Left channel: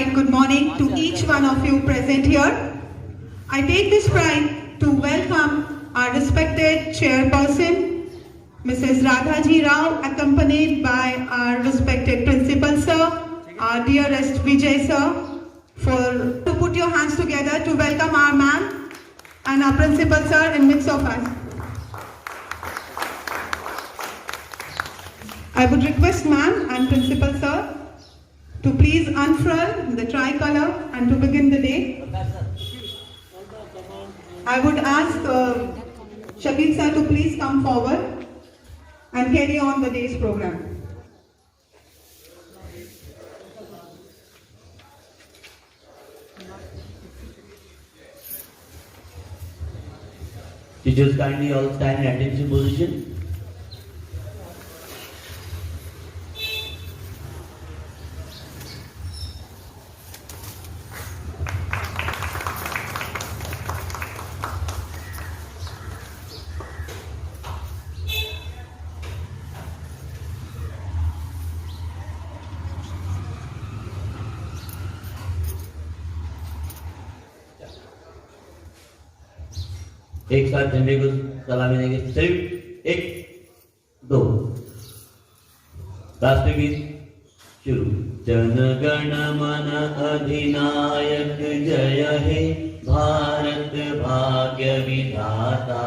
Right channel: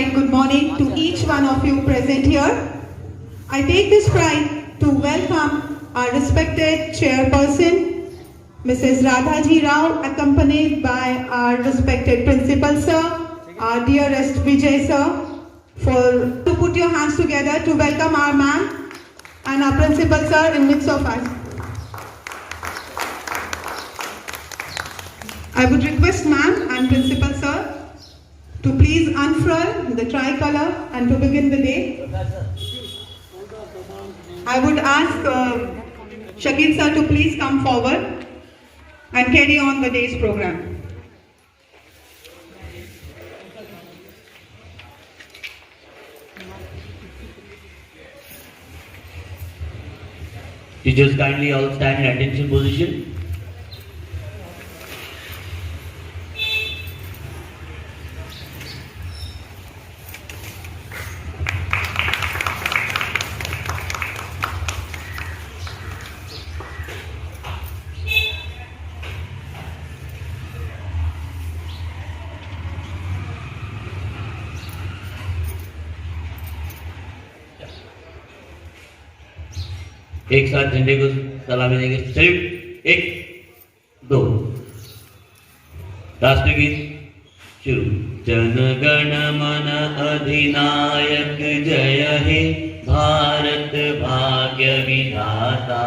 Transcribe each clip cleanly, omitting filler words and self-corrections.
bright good morning to each one of you present here. I take this pride to welcome our respected chairperson, Mrs. Radhaji Rao, accompanied by our respected principal sir, our dearest Vijay sir, to put your hands together to welcome our ma'am and our principal sir in midst of us. I would request ma'am and principal sir to please unfurl the tricolor and to begin the day. I would ask Shakil sir to please come forward and carry on the day's program. Teachers, kindly all stand in attention position. एक साथ झंडे को सलामी देंगे। Salute, 1 2 राष्ट्रगीत शुरू। जन गण मन अधिनायक जय हे भारत भाग्य विधाता।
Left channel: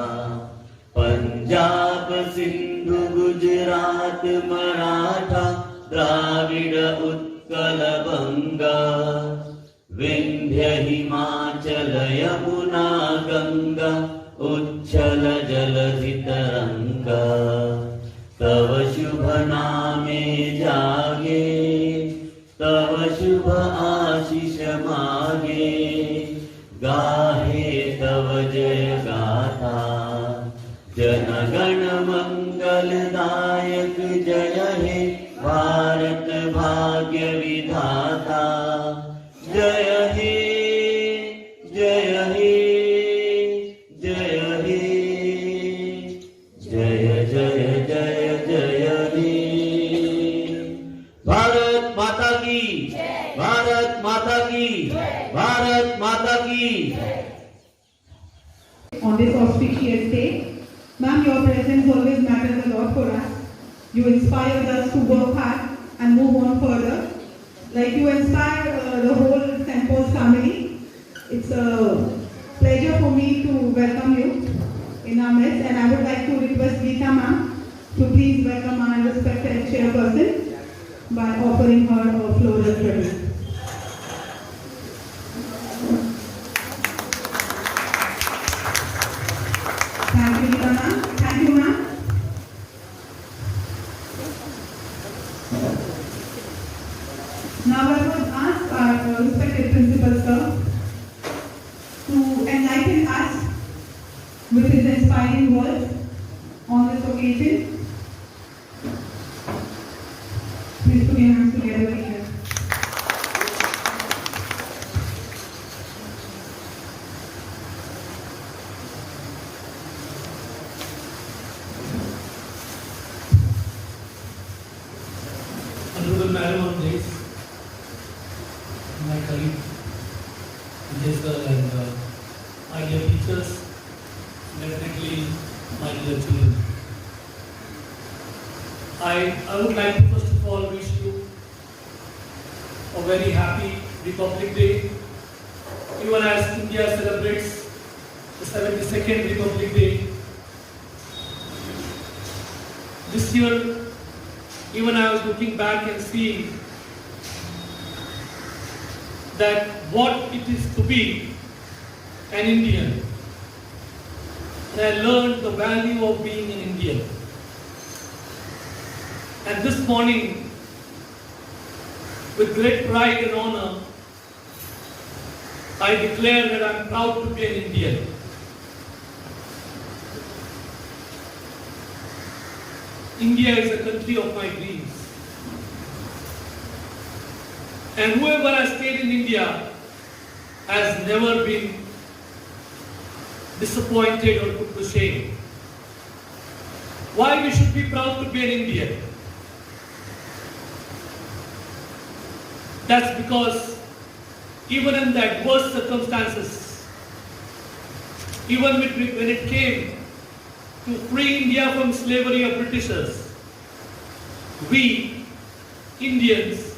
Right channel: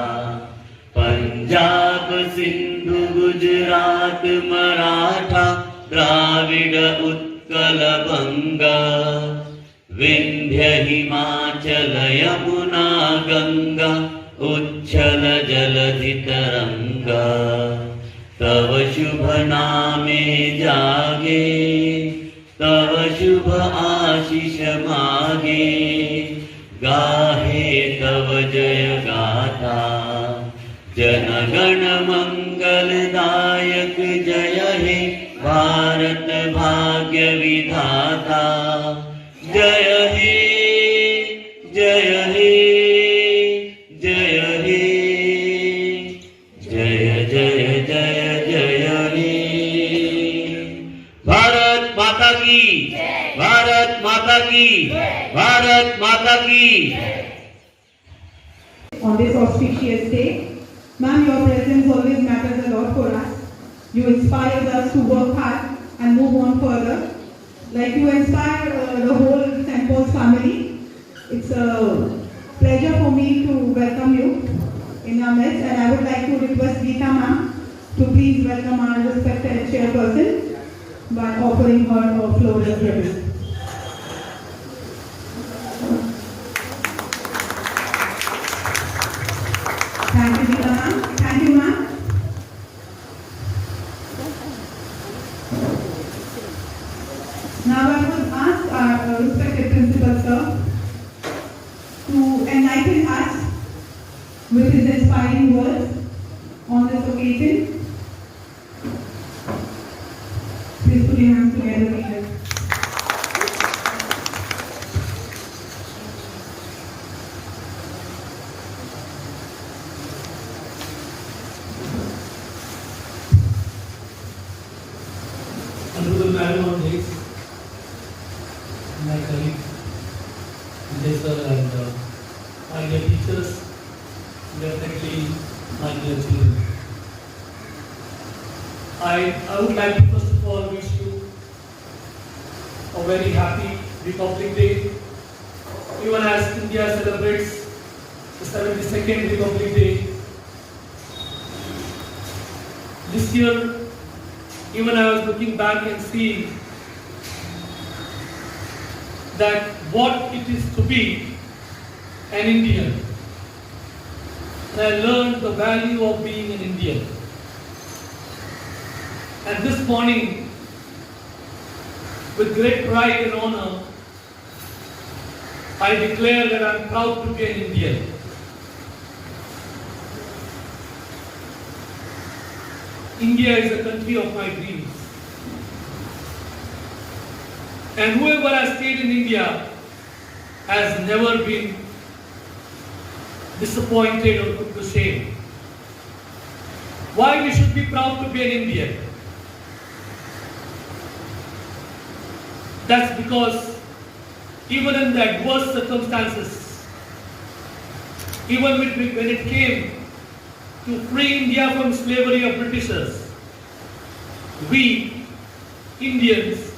पंजाब सिंधु गुजरात मराठा द्राविड उत्कल बंगा। विंध्य हिमाचल यमुना गंगा उच्छल जलधि तरंगा। तव शुभ नामे जागे तव शुभ आशीष मागे। गाहे तव जय गाथा जन गण मंगलदायक जय हे भारत भाग्य विधाता। जय हे जय हे जय हे जय जय जय जय हे। भारत माता की, भारत माता की, भारत माता की। On this auspicious day, ma'am, your presence always matters a lot for us. You inspire us to work hard and move on further. Like you inspire the whole St. Paul's family. It's a pleasure for me to welcome you in our midst, and I would like to request Geeta ma'am to please welcome our respected chairperson by offering her a floral tribute. Thank you, Geeta ma'am. Thank you, ma'am. Now I would ask our respected principal sir to enlighten us with his inspiring words on this occasion. Please put your hands together, teachers. Honorable Madam of Grace, my colleague, Vijay sir, and my dear teachers, definitely my dear children. I would like to first of all wish you a very happy Republic Day, even as India celebrates the 72nd Republic Day. This year, even I was looking back and seeing that what it is to be an Indian. And I learned the value of being an Indian. And this morning, with great pride and honor, I declare that I am proud to be an Indian. India is the country of my dreams. And whoever has stayed in India has never been disappointed or put to shame. Why we should be proud to be an Indian? That's because even in the adverse circumstances, even when it came to free India from slavery of Britishers, we Indians,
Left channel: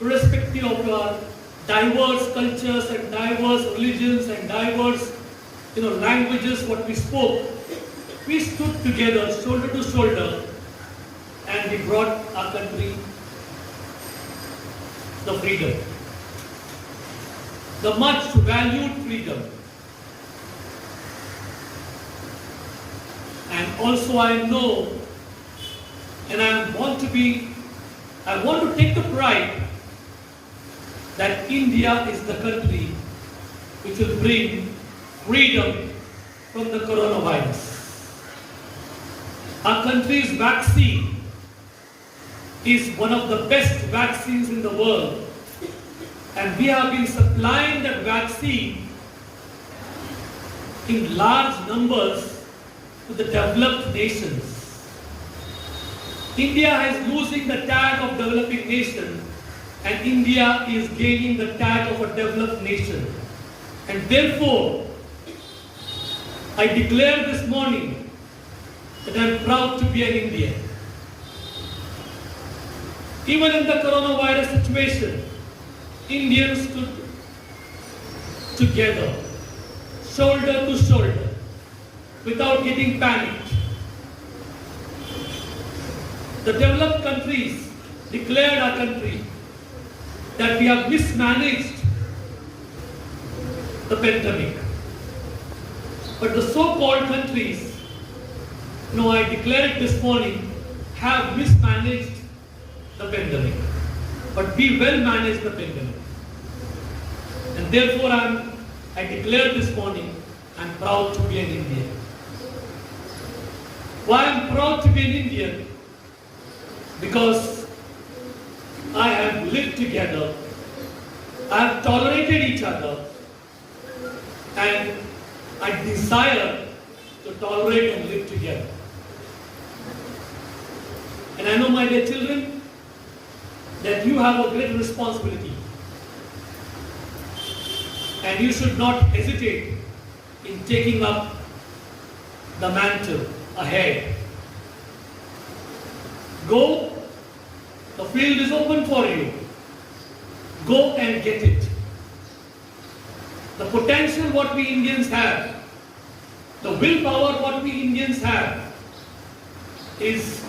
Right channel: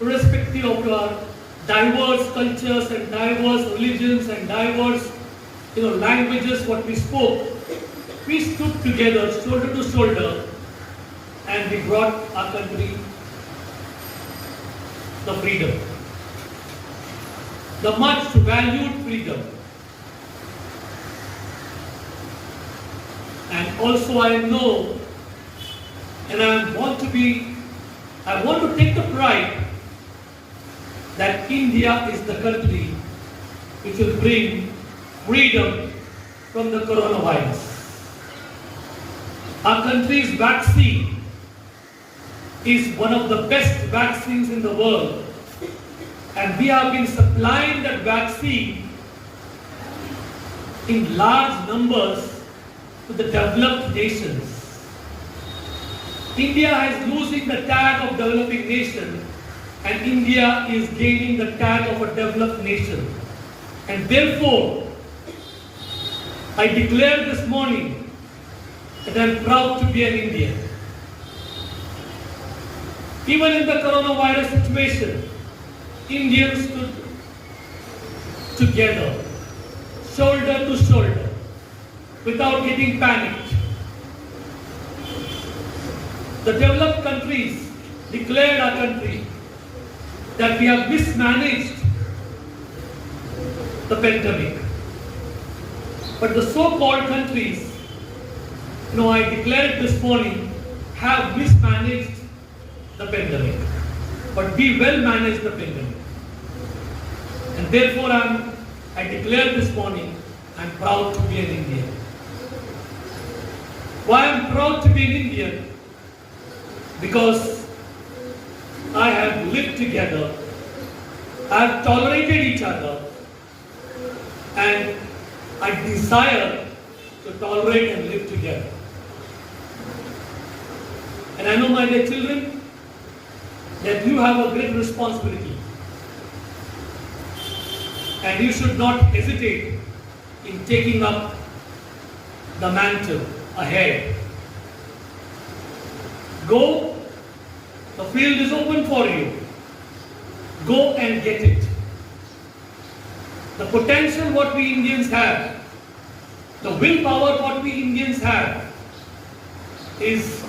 irrespective of our diverse cultures and diverse religions and diverse languages what we spoke, we stood together shoulder to shoulder and we brought our country the freedom, the much valued freedom. And also I know, and I want to take the pride that India is the country which will bring freedom from the coronavirus. Our country's vaccine is one of the best vaccines in the world, and we have been supplying that vaccine in large numbers to the developed nations. India is losing the tag of developing nation, and India is gaining the tag of a developed nation. And therefore, I declare this morning that I am proud to be an Indian. Even in the coronavirus situation, Indians stood together, shoulder to shoulder, without getting panicked. The developed countries declared our country that we have mismanaged the pandemic. But the so-called countries, I declared this morning, have mismanaged the pandemic. But we well managed the pandemic. And therefore I declare this morning, I'm proud to be an Indian. Why I'm proud to be an Indian? Because I have lived together, I have tolerated each other, and I desire to tolerate and live together. And I know, my dear children, that you have a great responsibility. And you should not hesitate in taking up the mantle ahead. Go, the field is open for you. Go and get it. The potential what we Indians have, the willpower what we Indians have, is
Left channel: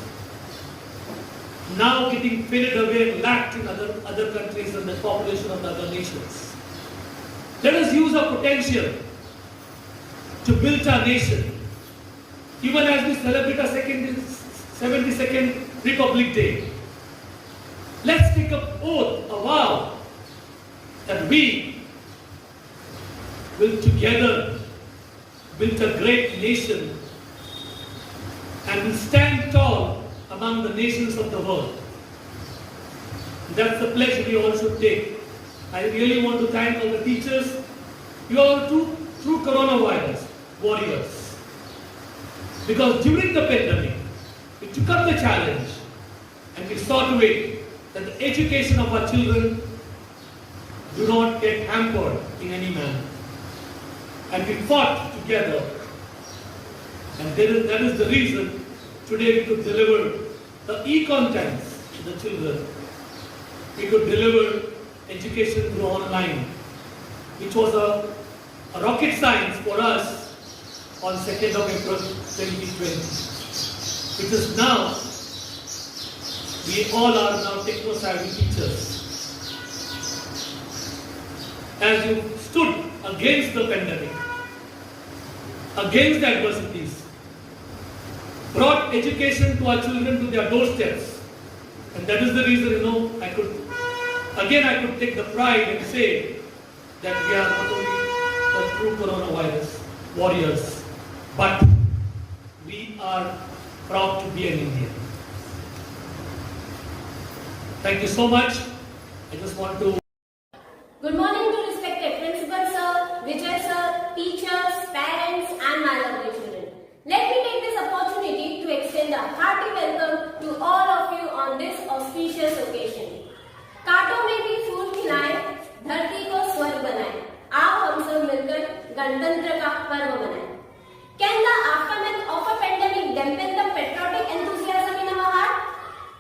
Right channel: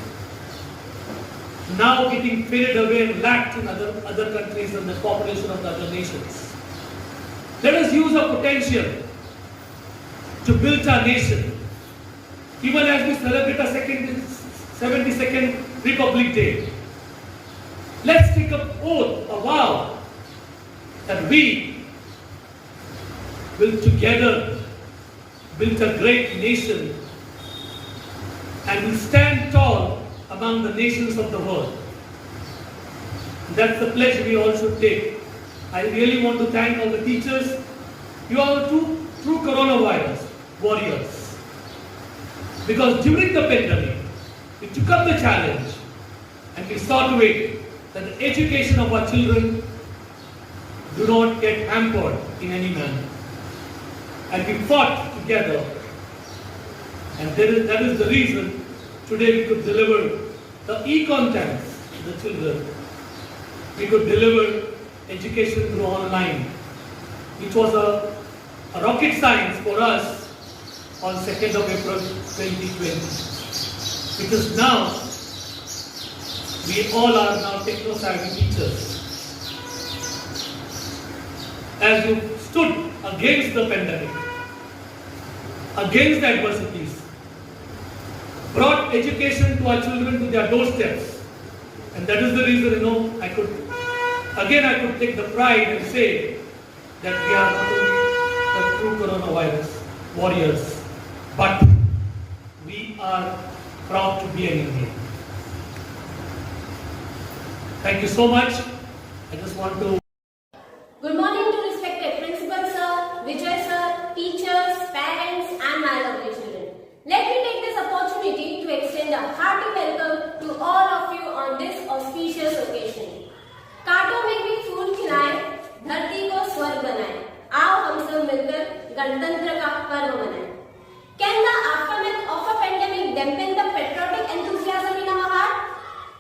now getting faded away and lacked in other countries and the population of the other nations. Let us use our potential to build our nation. Even as we celebrate our 72nd Republic Day, let's take an oath, a vow, that we will together build a great nation and will stand tall among the nations of the world. That's the pledge we all should take. I really want to thank all the teachers. You are the true coronavirus warriors. Because during the pandemic, we took up the challenge and we saw to it that the education of our children do not get hampered in any manner. And we fought together. And that is the reason today we could deliver the e-content to the children. We could deliver education through online, which was a rocket science for us on 2nd of April 2020. Because now, we all are now techno-savvy teachers. As you stood against the pandemic, against the adversities, brought education to our children to their doorsteps. And that is the reason, I could take the pride and say that we are not only the true coronavirus warriors, but we are proud to be an Indian. Thank you so much. I just want to... Good morning to respected Principal Sir, Vijay Sir, teachers, parents and my lovely children. Let me take this opportunity to extend a hearty welcome to all of you on this auspicious occasion. कांटों में भी फूल खिलाएं, धरती को गणतंत्र का पर्व मनाएं? Can the aftermath of a pandemic dampen the patriotic enthusiasm in our heart?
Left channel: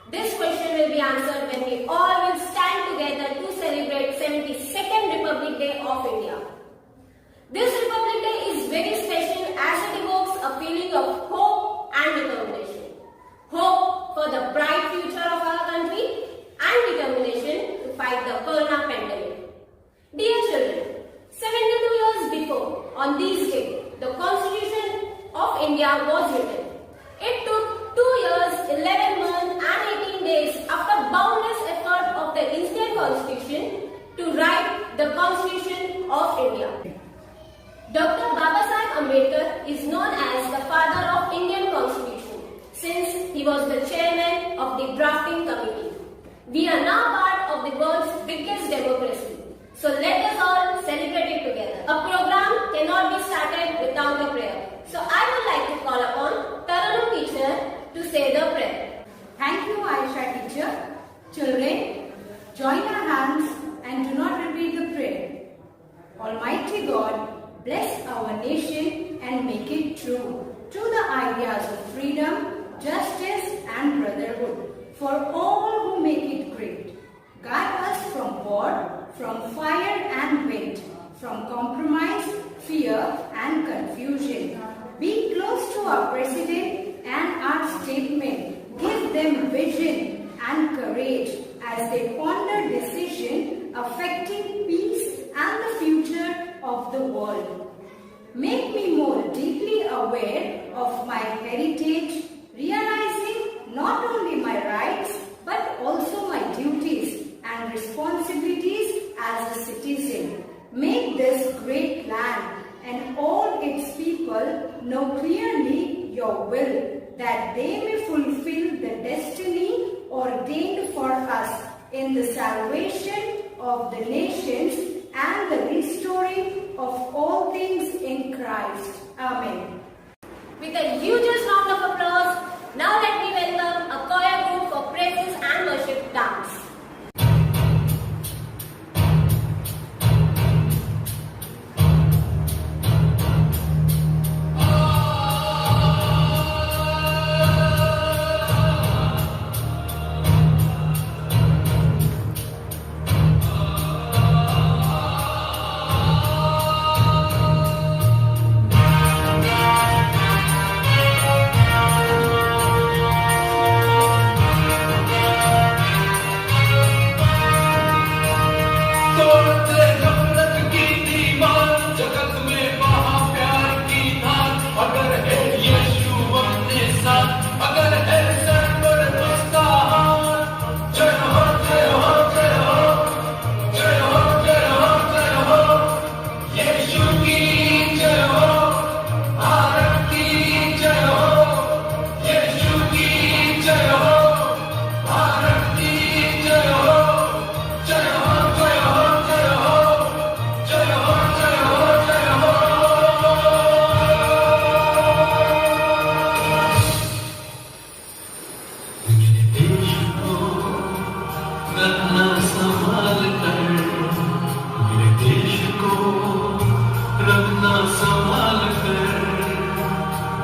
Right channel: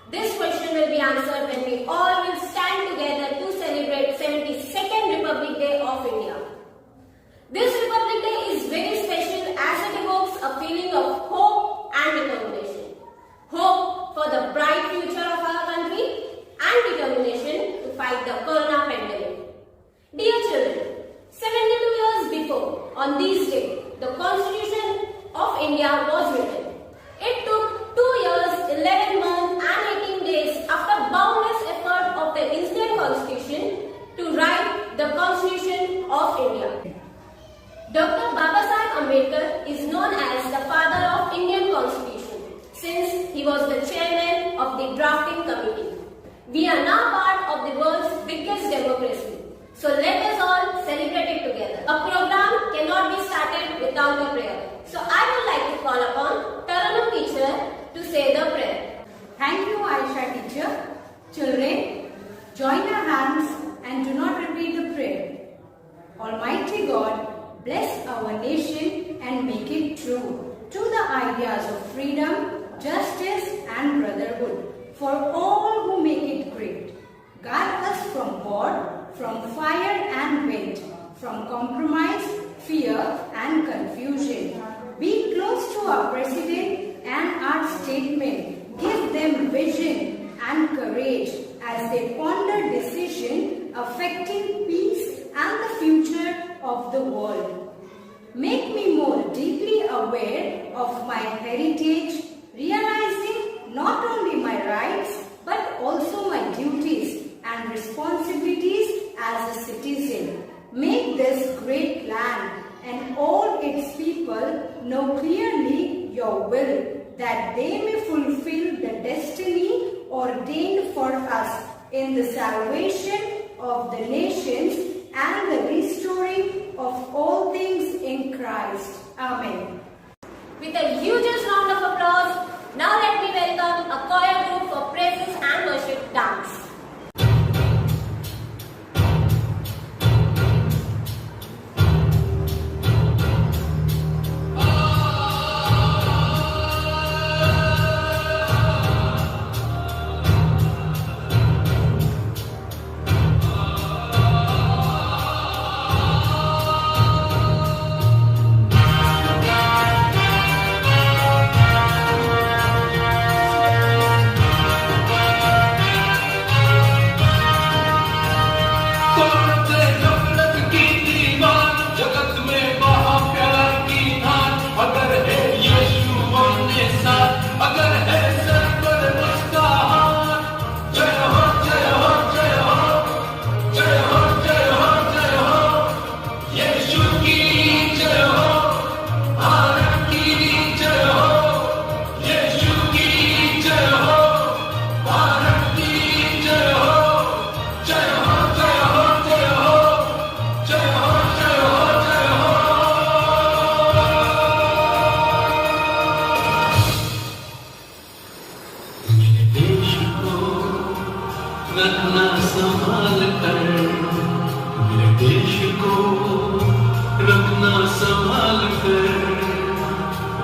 This question will be answered when we all will stand together to celebrate 72nd Republic Day of India. This Republic Day is very special as it evokes a feeling of hope and determination. Hope for the bright future of our country and determination to fight the corona pandemic. Dear children, 72 years before, on this day, the Constitution of India was written. It took 2 years, 11 months and 18 days after boundless effort of the Indian Constitution to write the Constitution of India. Dr. Babasaheb Ambedkar is known as the father of Indian Constitution since he was the chairman of the drafting committee. We are now part of the world's biggest democracy. So let us all celebrate it together. A program cannot be started without a prayer. So I would like to call upon Taranum teacher to say the prayer. Thank you, Aisha teacher. Children, join our hands and do not repeat the prayer. Almighty God, bless our nation and make it true to the ideas of freedom, justice and brotherhood for all who make it great. Guide us from war, from fire and wind, from compromise, fear and confusion. Be close to our President and our statesmen. Give them vision and courage as they ponder decisions affecting peace and the future of the world. Make me more deeply aware of my heritage, realizing not only my rights but also my duties and responsibilities as a citizen. Make this great land and all its people know clearly your will, that they may fulfill the destiny ordained for us in the salvation of the nations and the restoring of all things in Christ. Amen. With a hugest round of applause, now let me welcome a choir group for praises and worship dance.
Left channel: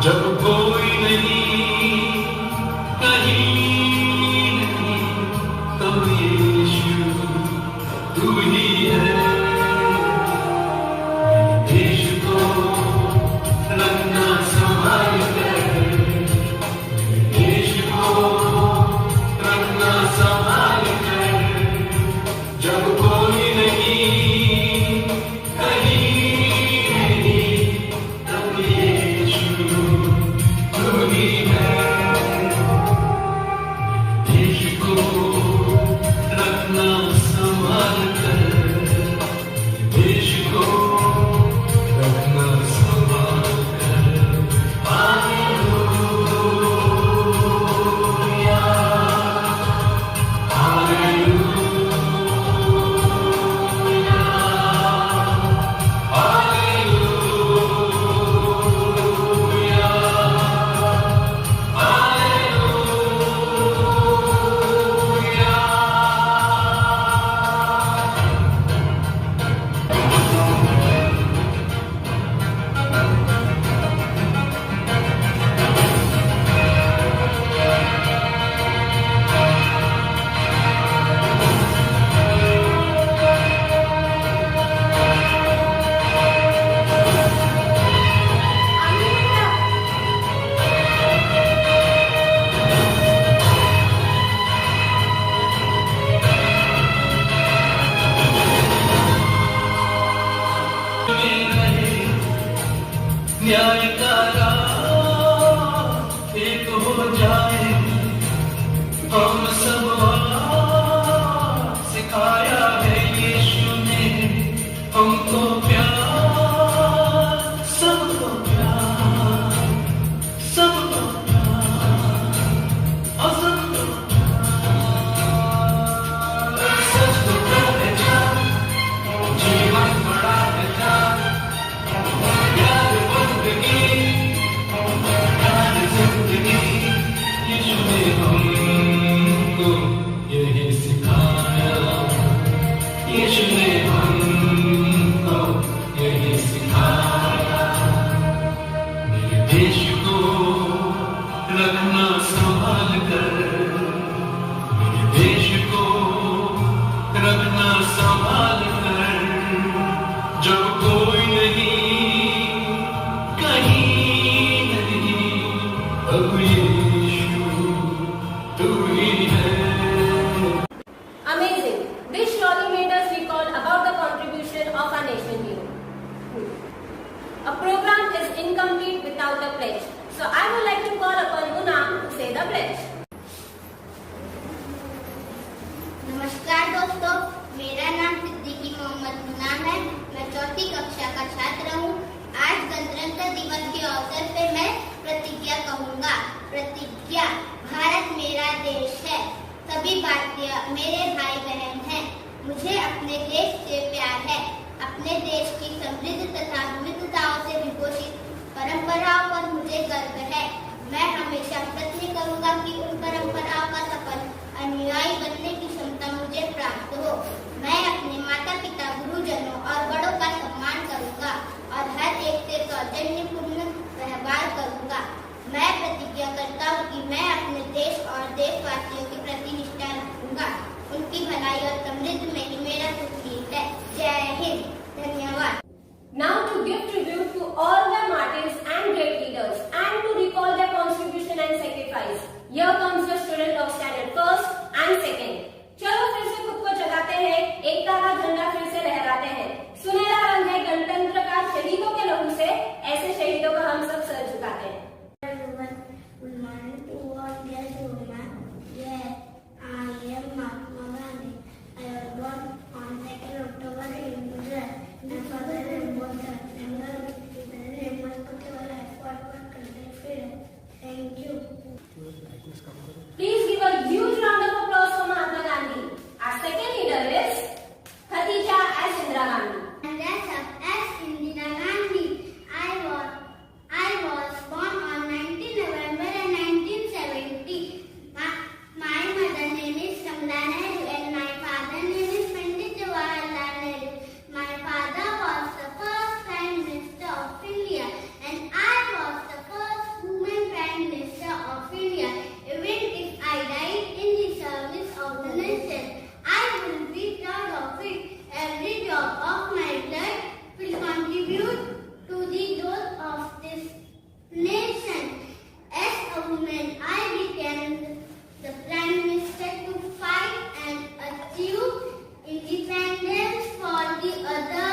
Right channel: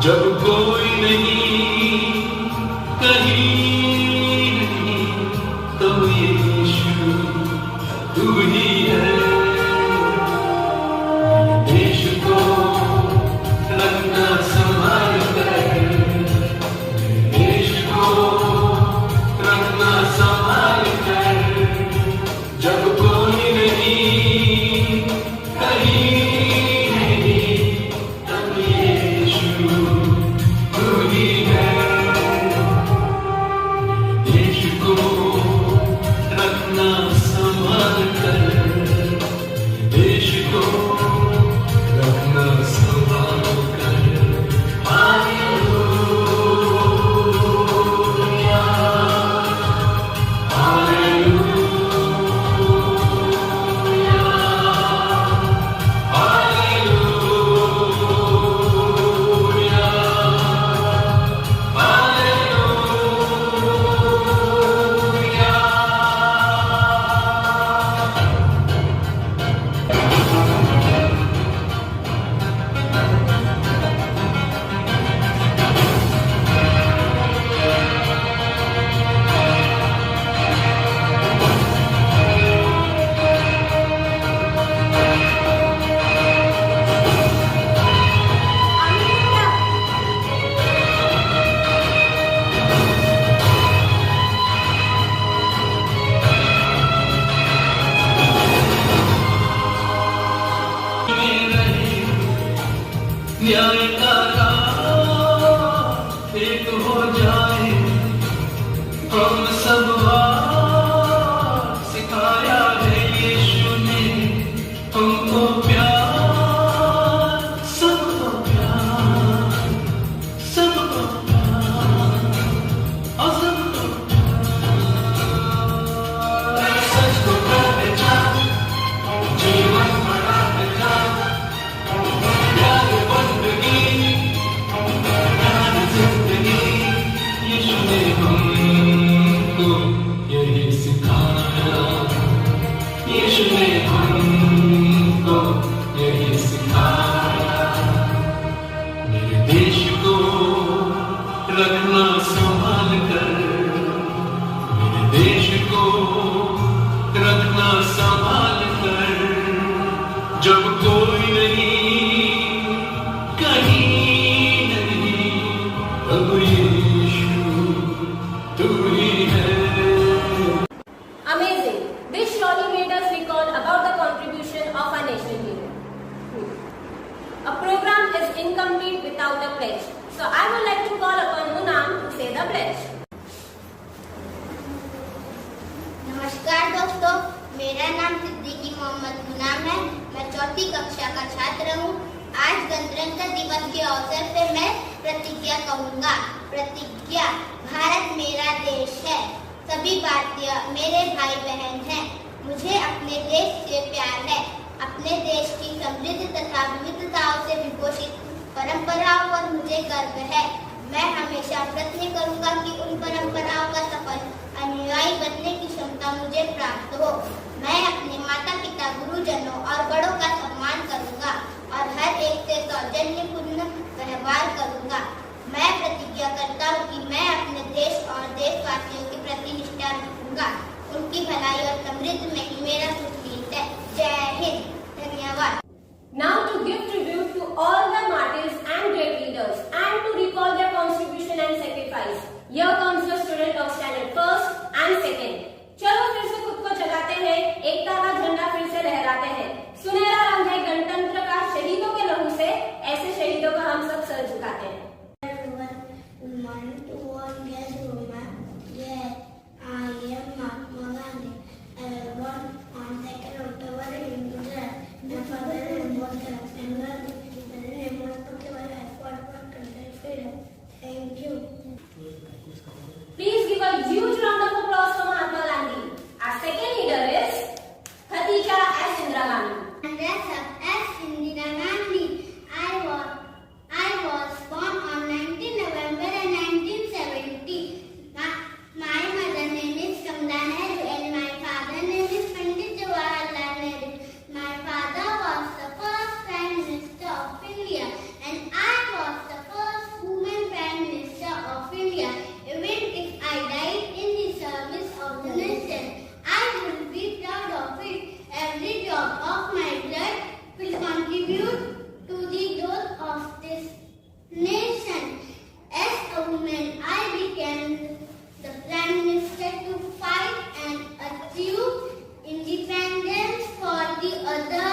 जब कोई नहीं कहीं नहीं तो यीशु तू ही है देश को रखना संभाल कर देश को रखना संभाल कर जब कोई नहीं कहीं नहीं तो यीशु देश को रखना संभाल कर न्याय का राह एक हो जाए, हम सब सिखाया है यीशु ने तुमको प्यार, सबको प्यार, सबको प्यार, सबको प्यार, सबको प्यार जीवन बड़ा बेटा, प्यार बंदगी, प्यार जिंदगी, यीशु ने हमको यही सिखाया, यीशु ने हमको यही सिखाया। मेरे देश को रखना संभाल कर, मेरे देश को रखना संभाल कर, जब कोई नहीं कहीं नहीं, अब यीशु तू ही है। Amazing. This surely made us recall about the contribution of our nation hero. A program is incomplete without a pledge. So I would like to call upon Unam to say the pledge. नमस्कार दोस्तों, मेरा नाम सिद्दीकी मोहम्मद मुनाम है। मैं चौथी कक्षा का छात्र हूँ। आज गणतंत्र दिवस के अवसर पे मैं प्रतिज्ञा कहूँगा। प्रतिज्ञा। भारत मेरा देश है, सभी भारतीय मेरे भाई बहन हैं। मुझे अपने देश से प्यार है। अपने देश की समृद्ध तथा विविधताओं से विभूषित परंपराओं पर मुझे गर्व है। मैं हमेशा प्रयत्न करूंगा कि उन परंपराओं का सफल अनुयायी बनने की क्षमता मुझे प्राप्त हो। मैं अपने माता पिता, गुरुजनों और बड़ों का सम्मान करूंगा और हर एक से सौजन्यपूर्ण व्यवहार करूंगा। मैं प्रतिज्ञा करता हूँ कि मैं अपने देश और देशवासियों के प्रति निष्ठा रखूंगा। उनकी भलाई और समृद्धि में ही मेरा सुख निहित है। जय हिंद। धन्यवाद। Now to give tribute to all the martyrs and great leaders and to recall their contribution and sacrifice. Here comes the student of standard first and second. चलो फिर से खुद को जगाते हैं, एकता का झंडा फिर से लहराते हैं। सुनहरा रंग है गणतंत्र का शहीदों के लहू से, ऐसे शहीदों को हम सब सर झुकाते हैं। Good morning to all guests who are here. I am Mahatma Gandhi. I was born on 2nd October in Gujarat. My father name was Gandhi. My name was Kuttiwala. I fought for country freedom. Thank you. Please give a huge round of applause for Mahatma Gandhi. Our second leader is Khatija S. Indira Gandhi. And that's S. Indira Gandhi. I was born on 19 November 1970. My mother name is Kamala Nehru and my father name is Pandit Jawaharlal Nehru. My father was the first Prime Minister of India and I was the first woman Prime Minister of India. Even if I died in the service of the nation, I will be proud of it. Every drop of my blood will contribute to the growth of this nation. As a woman, I became the Prime Minister to fight and achieve independence for the other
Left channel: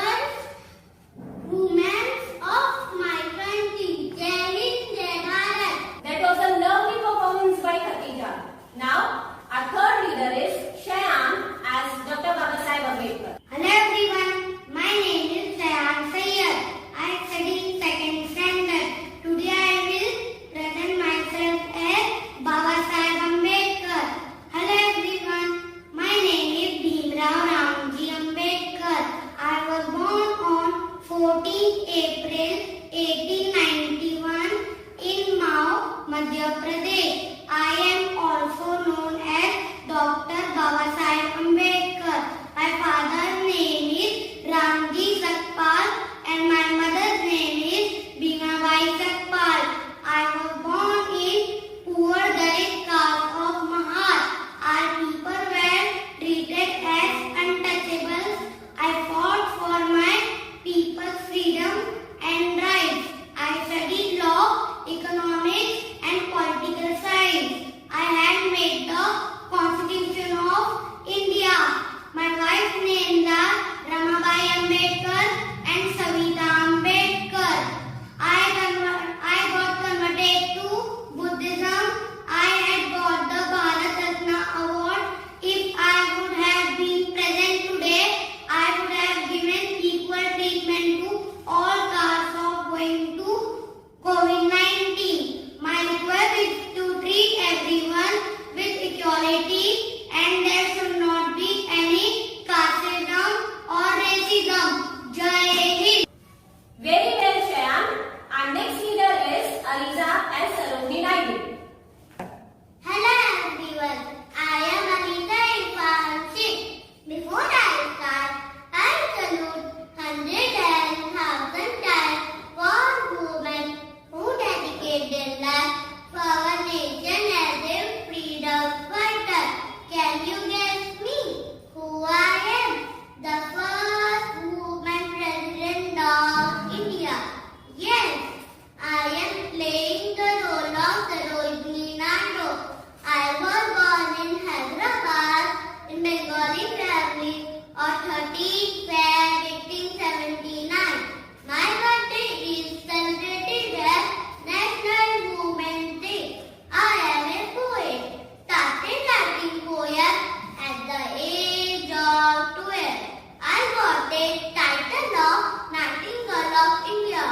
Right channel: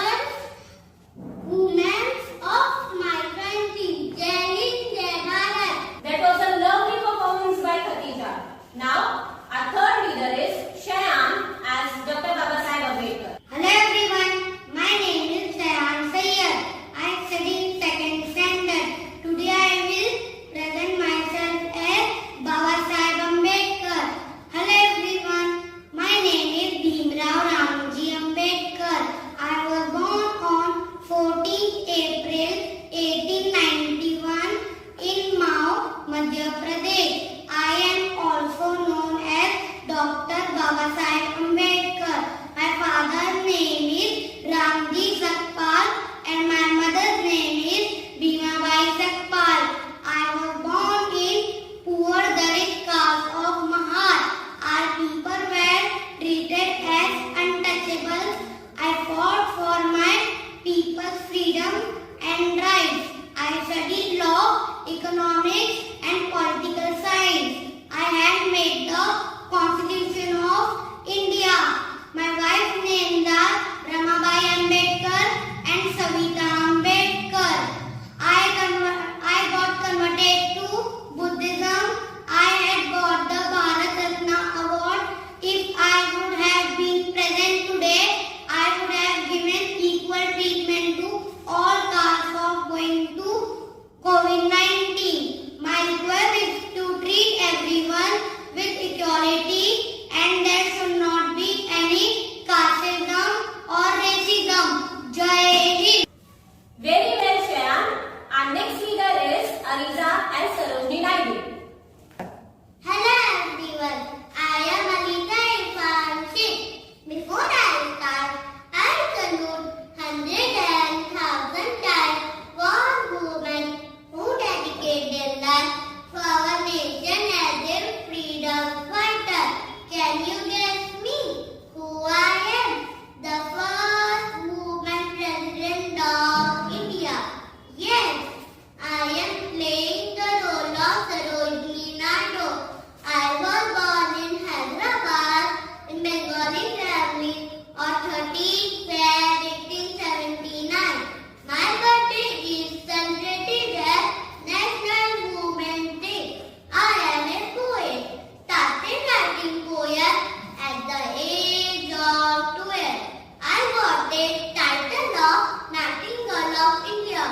the Nightingale of India,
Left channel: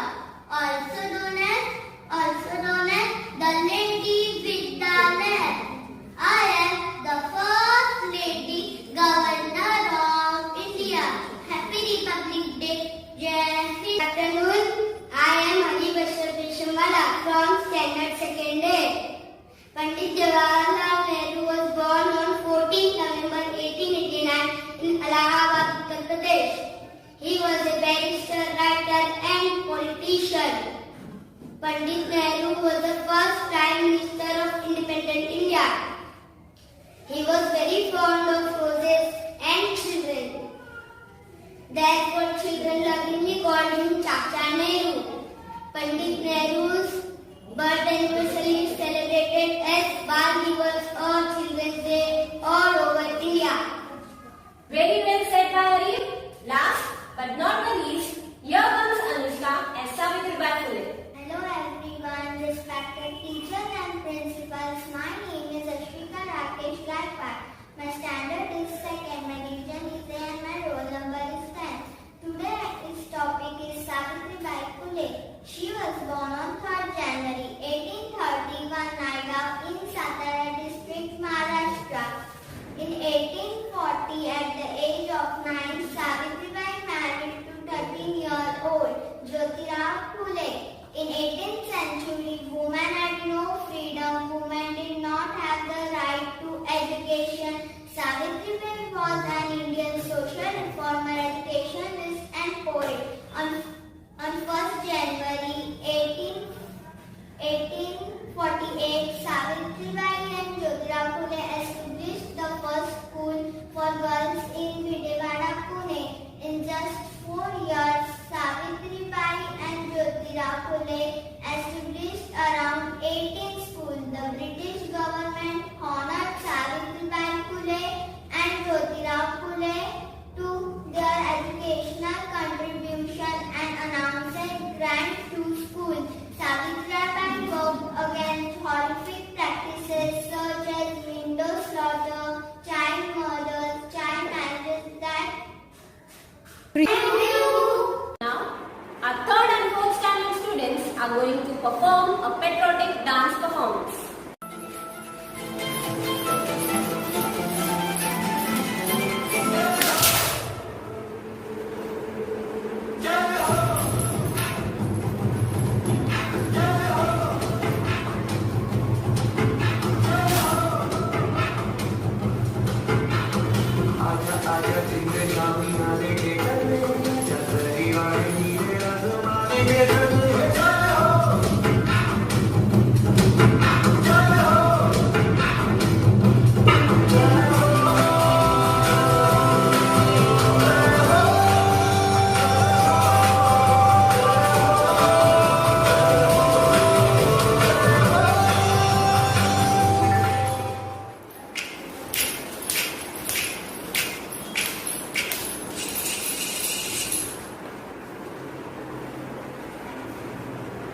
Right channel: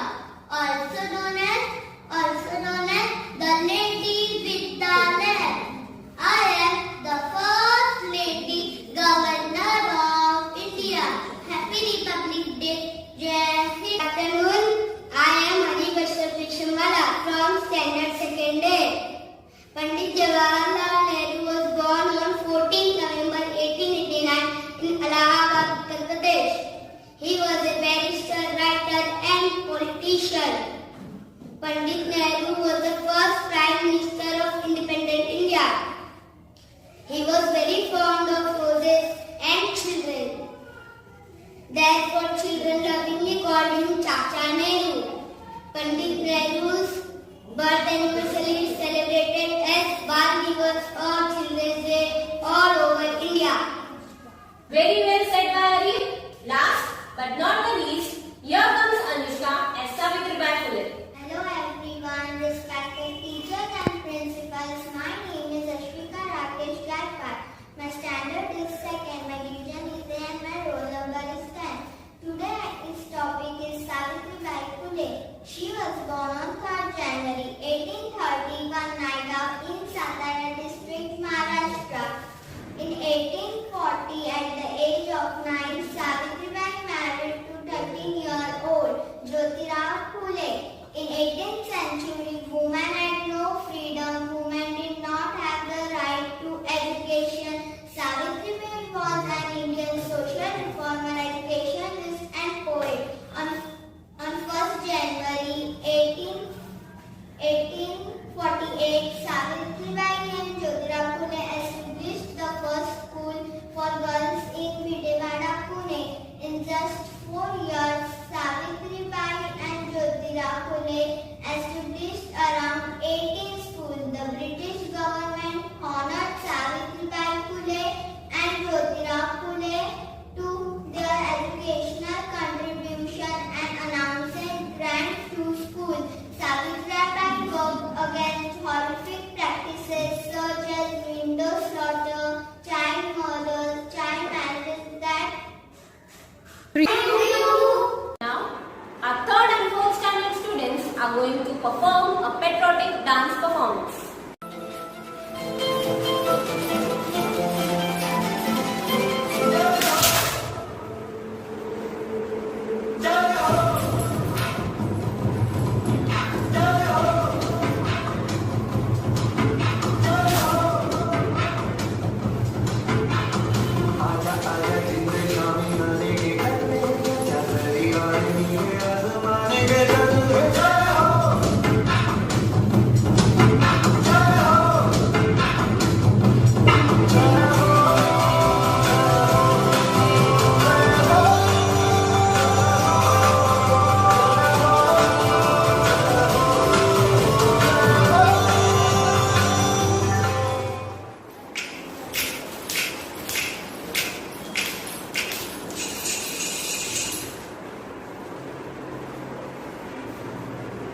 also known as the Lady with the Lamp. I am the first Lady Governor of India. Happy Republic Day. Jai Hind. Good afternoon. I am Hari Bashar Vishamala from Standard 2nd A. Pandit Jawaharlal Nehru was born on 14 November 1889 in Allahabad, Uttar Pradesh. He was a barrister, writer and politician. Pandit Nehru was the first Prime Minister of independent India. He was very fond of roses and children. Therefore, children lovingly called him Chacha Nehru. Pandit Nehru's birth anniversary is celebrated as Bal Divas or Children's Day all over India. Very well said, Hari. Last but not the least, here comes Anushka as Savitribai Phule. Hello everyone, respected teachers and principals. My name is Ashwika Rakesh Gaikwad. My standard is 2nd, my division is A and my roll number is 10. Today's topic is Savitribai Phule. She was born on 3rd January 1831 Naida in Satara district, Maharashtra. In 1840, at the age of 9, Savitribai married to 13-year-old Jyotirao Phule. In 18th century, women had no freedom. Women did not have the right to education. Savitribai was an Indian social reformer, educationist and poet. On 1st January 1848, Savitribai and Jyotirao Phule established the first school for girls in Videwada, Pune. In just 4 years, Savitribai and Jyotirao Phule established around 18 schools. The British government honored Savitribai Phule and Jyotirao Phule to their educational contribution and announced a grant to schools. Savitribai worked against horrific practices such as window slaughter, child murders, child marriages that. Now, our 3rd and 4th standard students are going to perform a patriotic dance performance.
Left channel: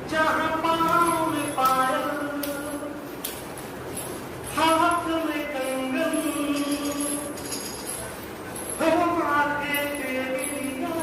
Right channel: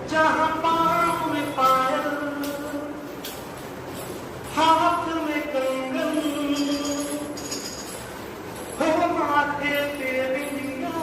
जहाँ पाँव में पायल, हाथ में कंगन, हो माथे पे बिंदिया।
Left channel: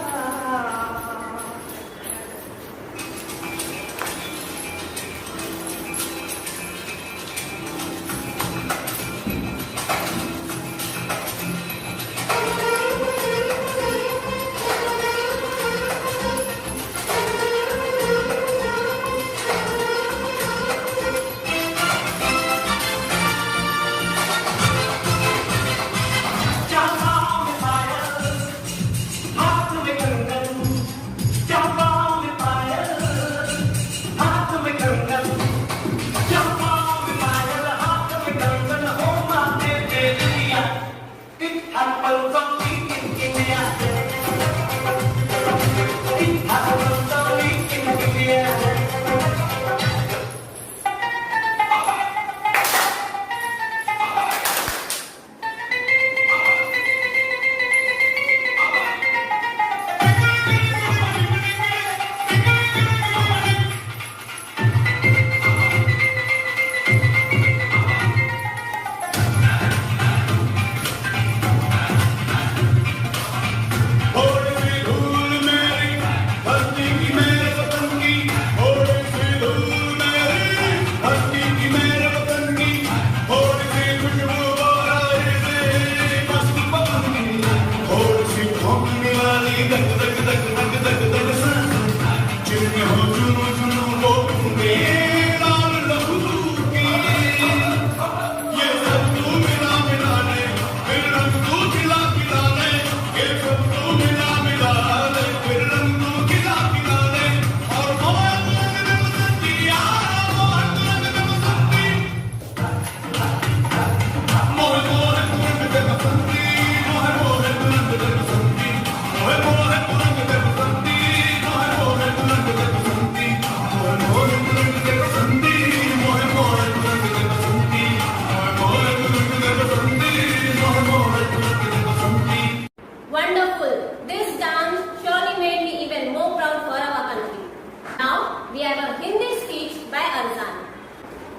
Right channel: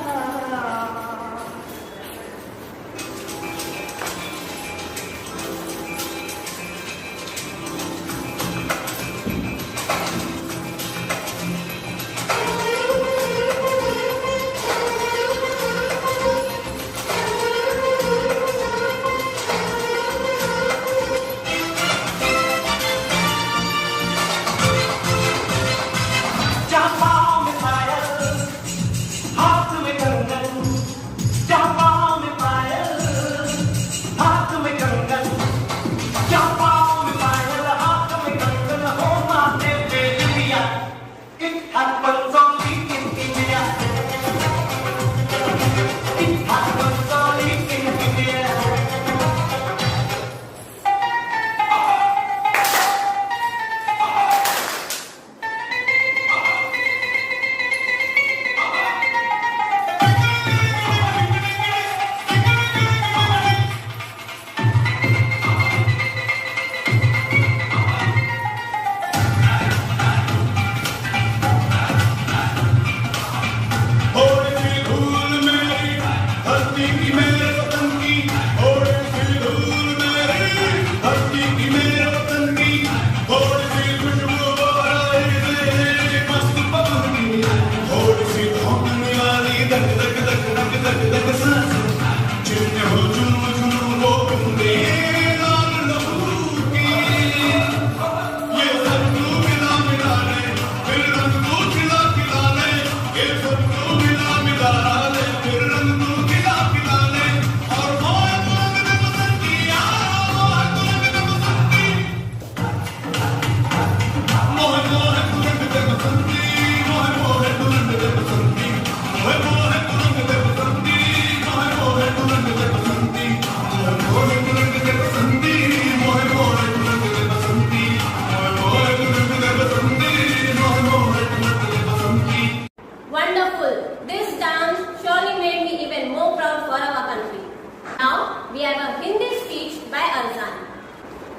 we have a Hindi speech by Arzan.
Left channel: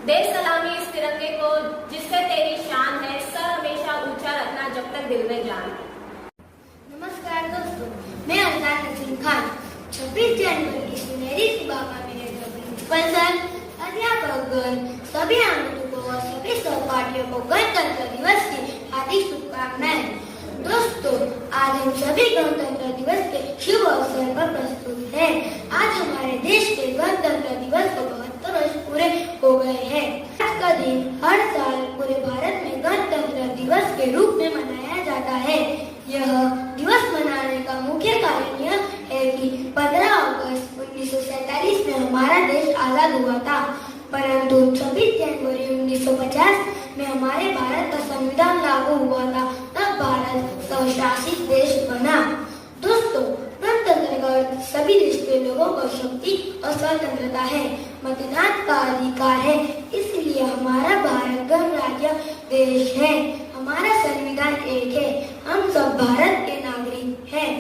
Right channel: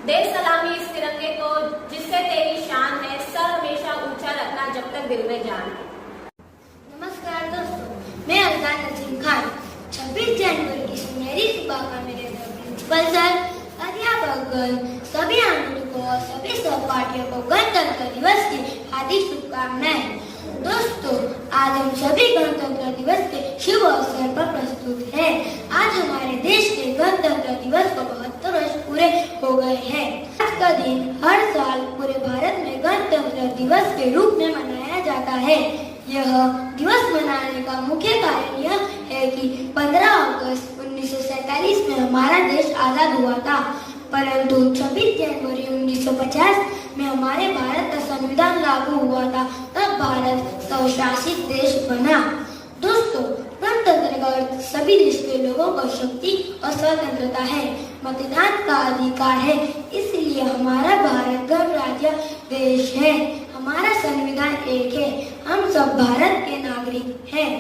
देश सलामी इस तिरंगे को जिससे तेरी शान है, सर हमेशा ऊंचा रखना जब तक दिल में जान है। नमस्कार दोस्तों, मैं अरजान नसीम खान। 26 जनवरी की सुनहरी सुबह का मेरे प्रिंसिपल सर, अध्यापकगण, सभी आंगणों और सभी सहपाठियों को गणतंत्र दिवस की हार्दिक शुभकामनाएं। दोस्तों, आज हम सभी गणतंत्र दिवस के शुभ अवसर पर प्रस्तुत हैं। आज हमारे देश के गणतंत्र दिवस को 72 वर्ष पूरे हो गए हैं। आज का दिन हर साल पूरे भारत में गणतंत्र दिवस के रूप में मनाया जाता है। यह दिवस मनाने का मुख्य कारण यह है कि 15 अगस्त 1947 में हमारा देश आजाद हुआ था, परंतु 26 जनवरी 1950 में हमारे भारत का संविधान लागू हुआ था, तब भारत स्वशासित देश बना। दोस्तों, गणतंत्र का अर्थ सभी देश के लोगों को शक्ति और स्वतंत्रता है, मतदान का अधिकार है, इसलिए हमारा भारत गणराज्य देश है। हमारा संविधान एक है, हम सब भारत के नागरिक हैं।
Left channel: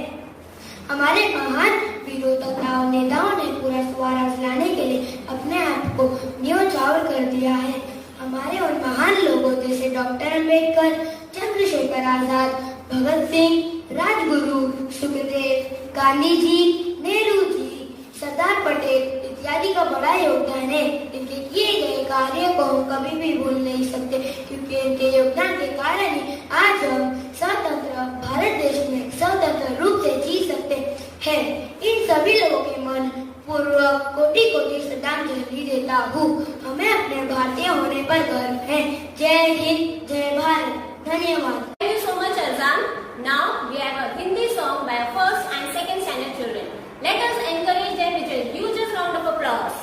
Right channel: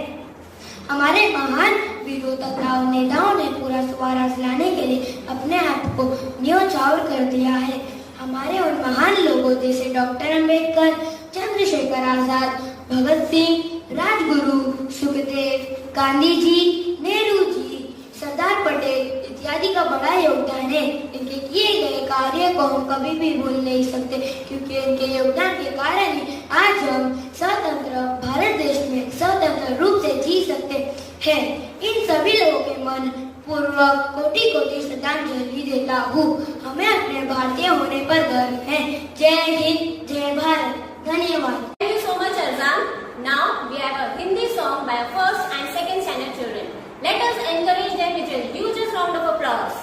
हमारे महान वीरों तथा नेताओं ने पूरा स्वराज लाने के लिए अपने आप को न्योछावर कर दिया है। हमारे और महान लोगों जैसे डॉक्टर अम्बेडकर, चंद्रशेखर आजाद, भगत सिंह, राजगुरु, सुखदेव, गांधी जी, नेहरू जी, सरदार पटेल इत्यादि का बड़ा योगदान है। इनके किए गए कार्य को हम कभी भी भूल नहीं सकते, क्योंकि इनके योगदान के कारण ही आज हम स्वतंत्र भारत देश में स्वतंत्र रूप से जी सकते हैं। इन सभी लोगों के मन पूर्वक कोटि कोटि श्रद्धांजलि देता हूँ। हमें अपने भारतीय होने पर गर्व है। जय हिंद, जय भारत। धन्यवाद। Thank you so much, Arzan. Now we have a Hindi song by our first and second standard children. Let us encourage them with a huge round of applause.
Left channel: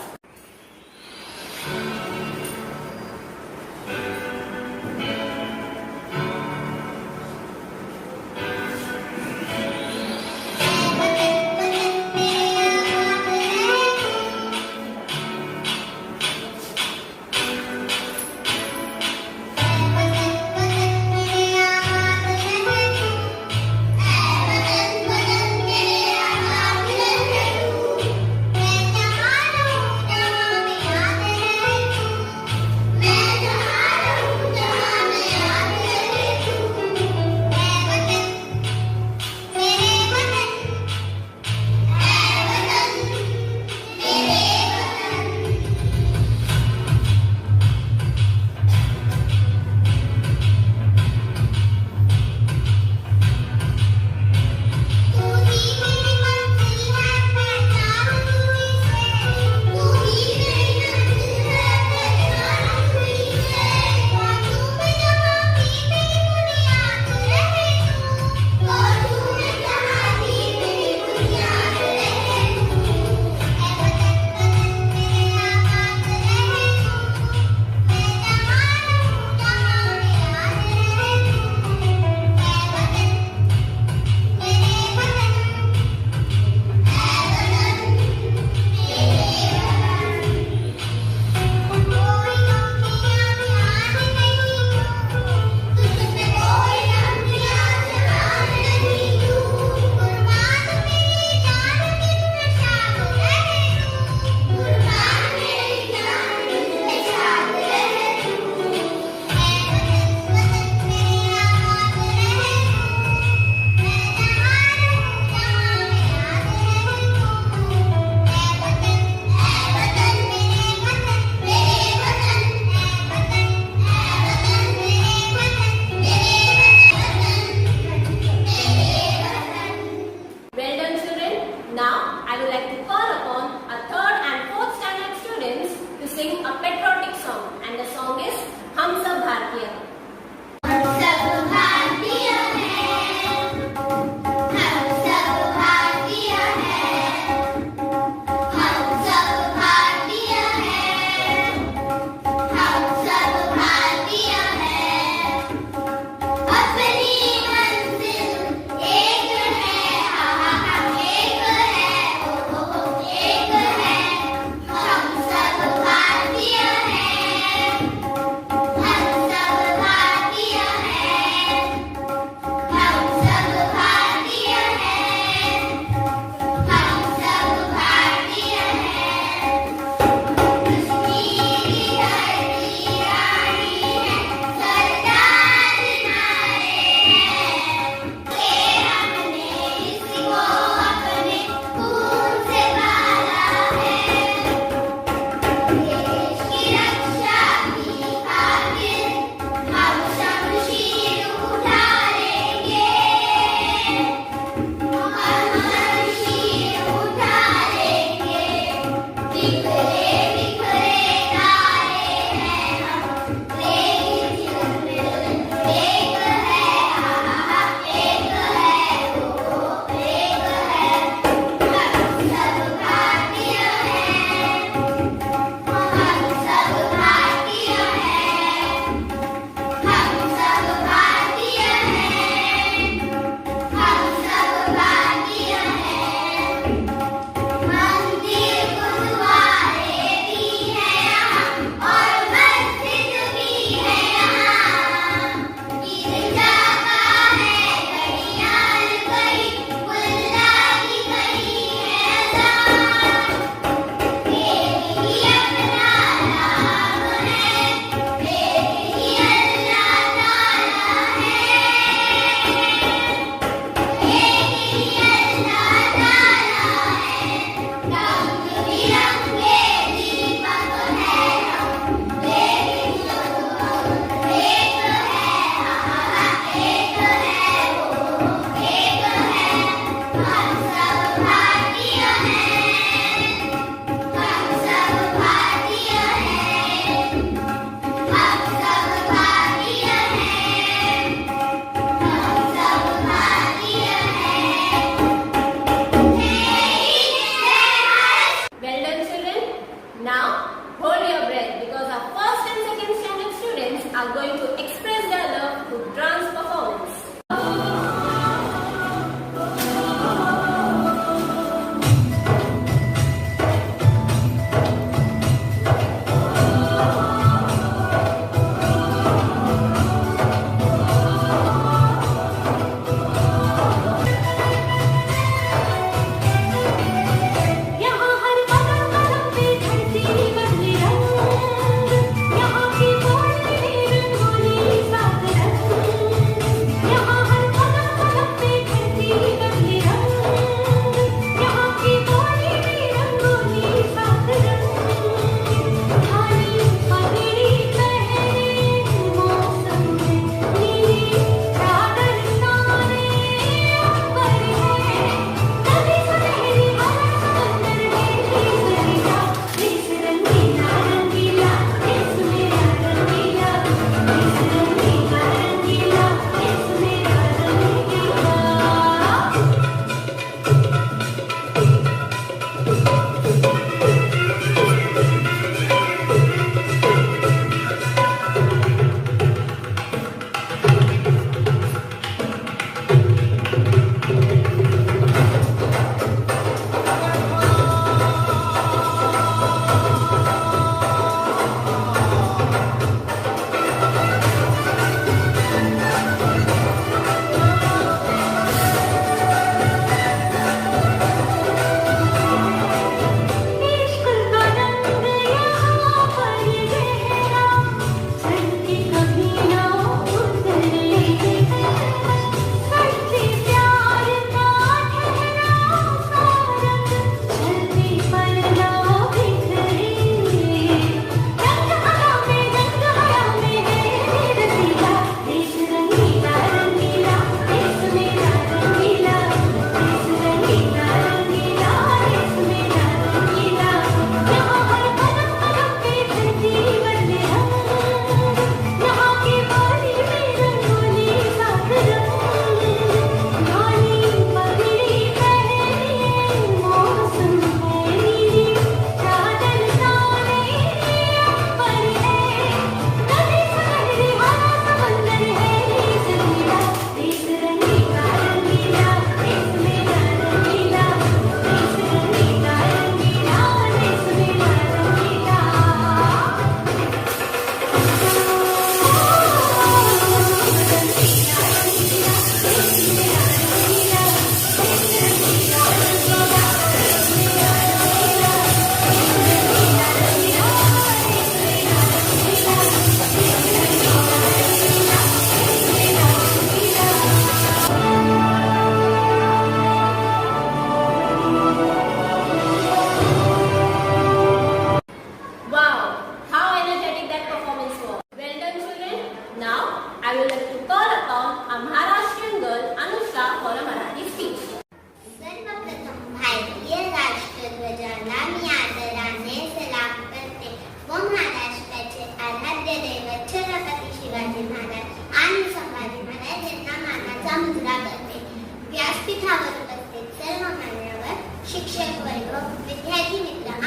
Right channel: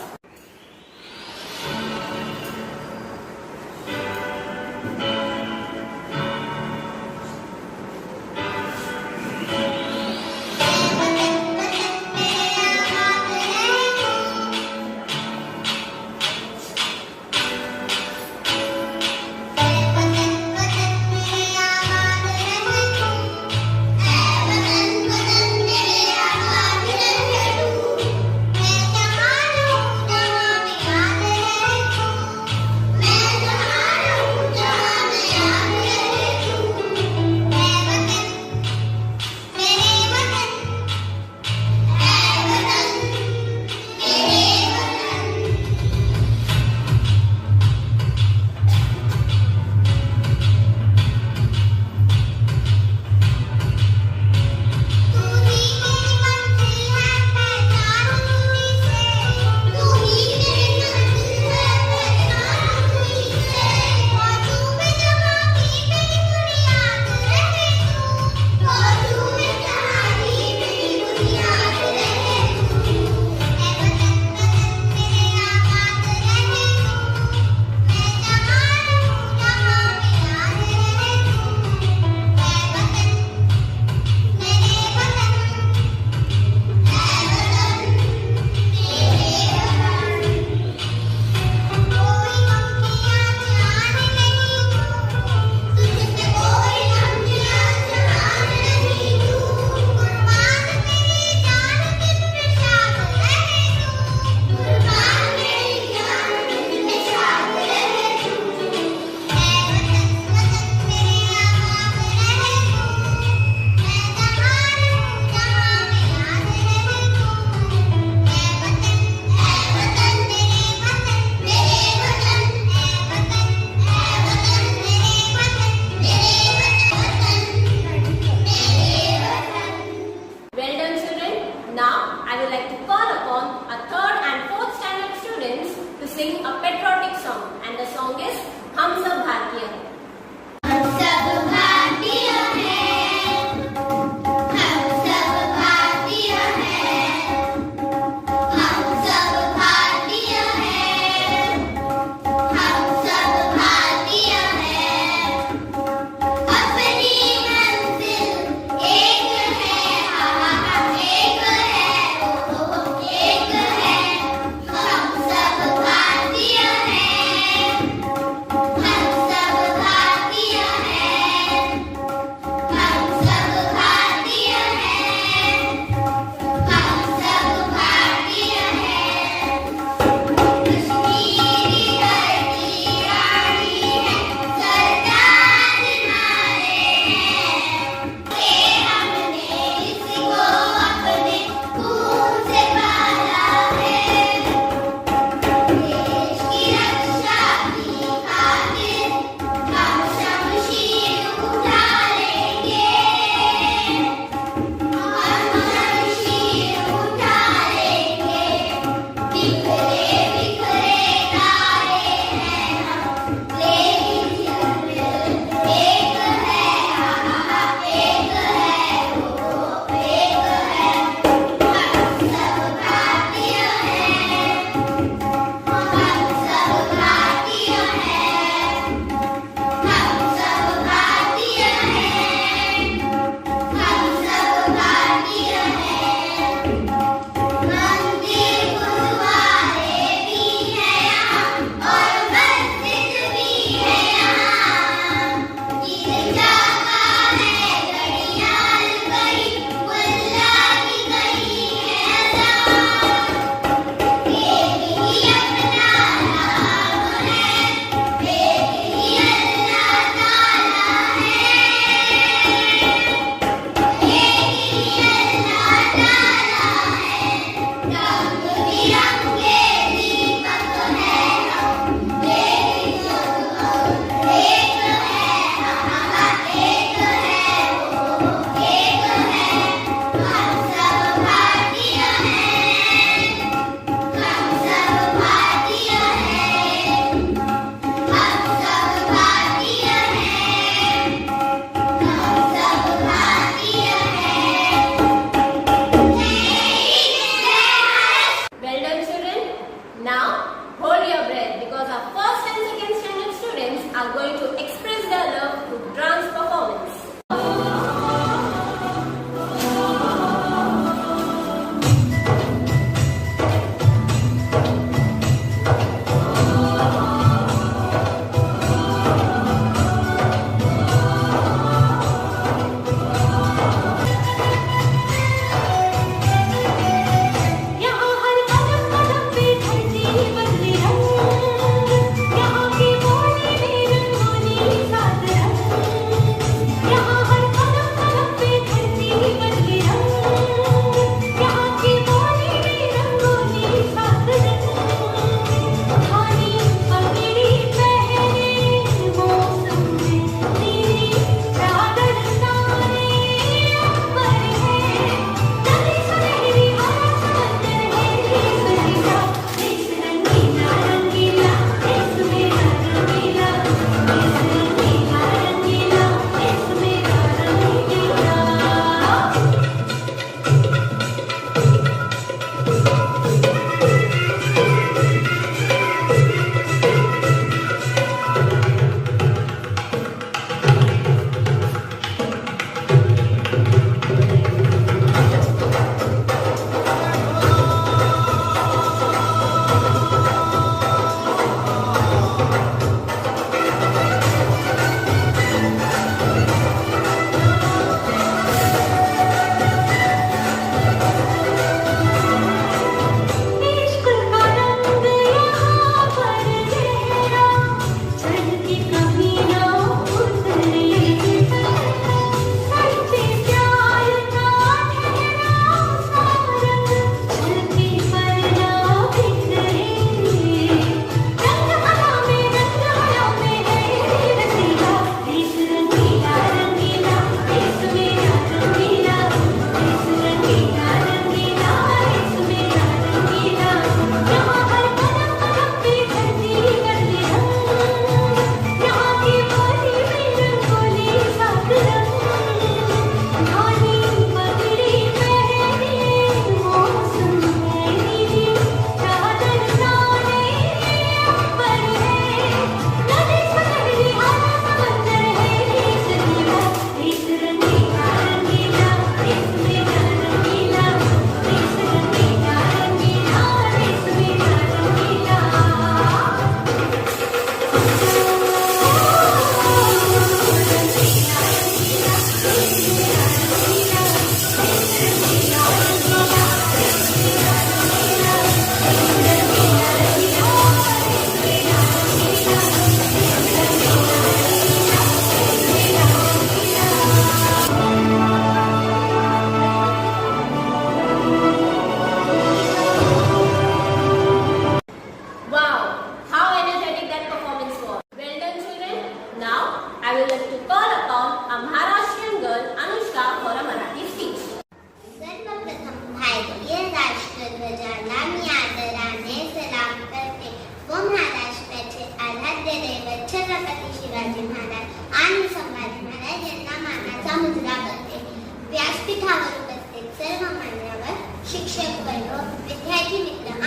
हम सब भारतीय हैं।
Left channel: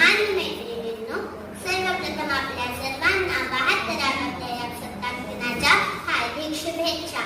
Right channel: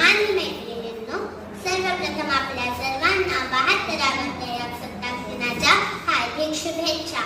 लहान मैत्रिणींनो, सर्वप्रथम आपल्या सर्वांना 72व्या प्रजासत्ताक दिनाच्या हार्दिक शुभेच्छा.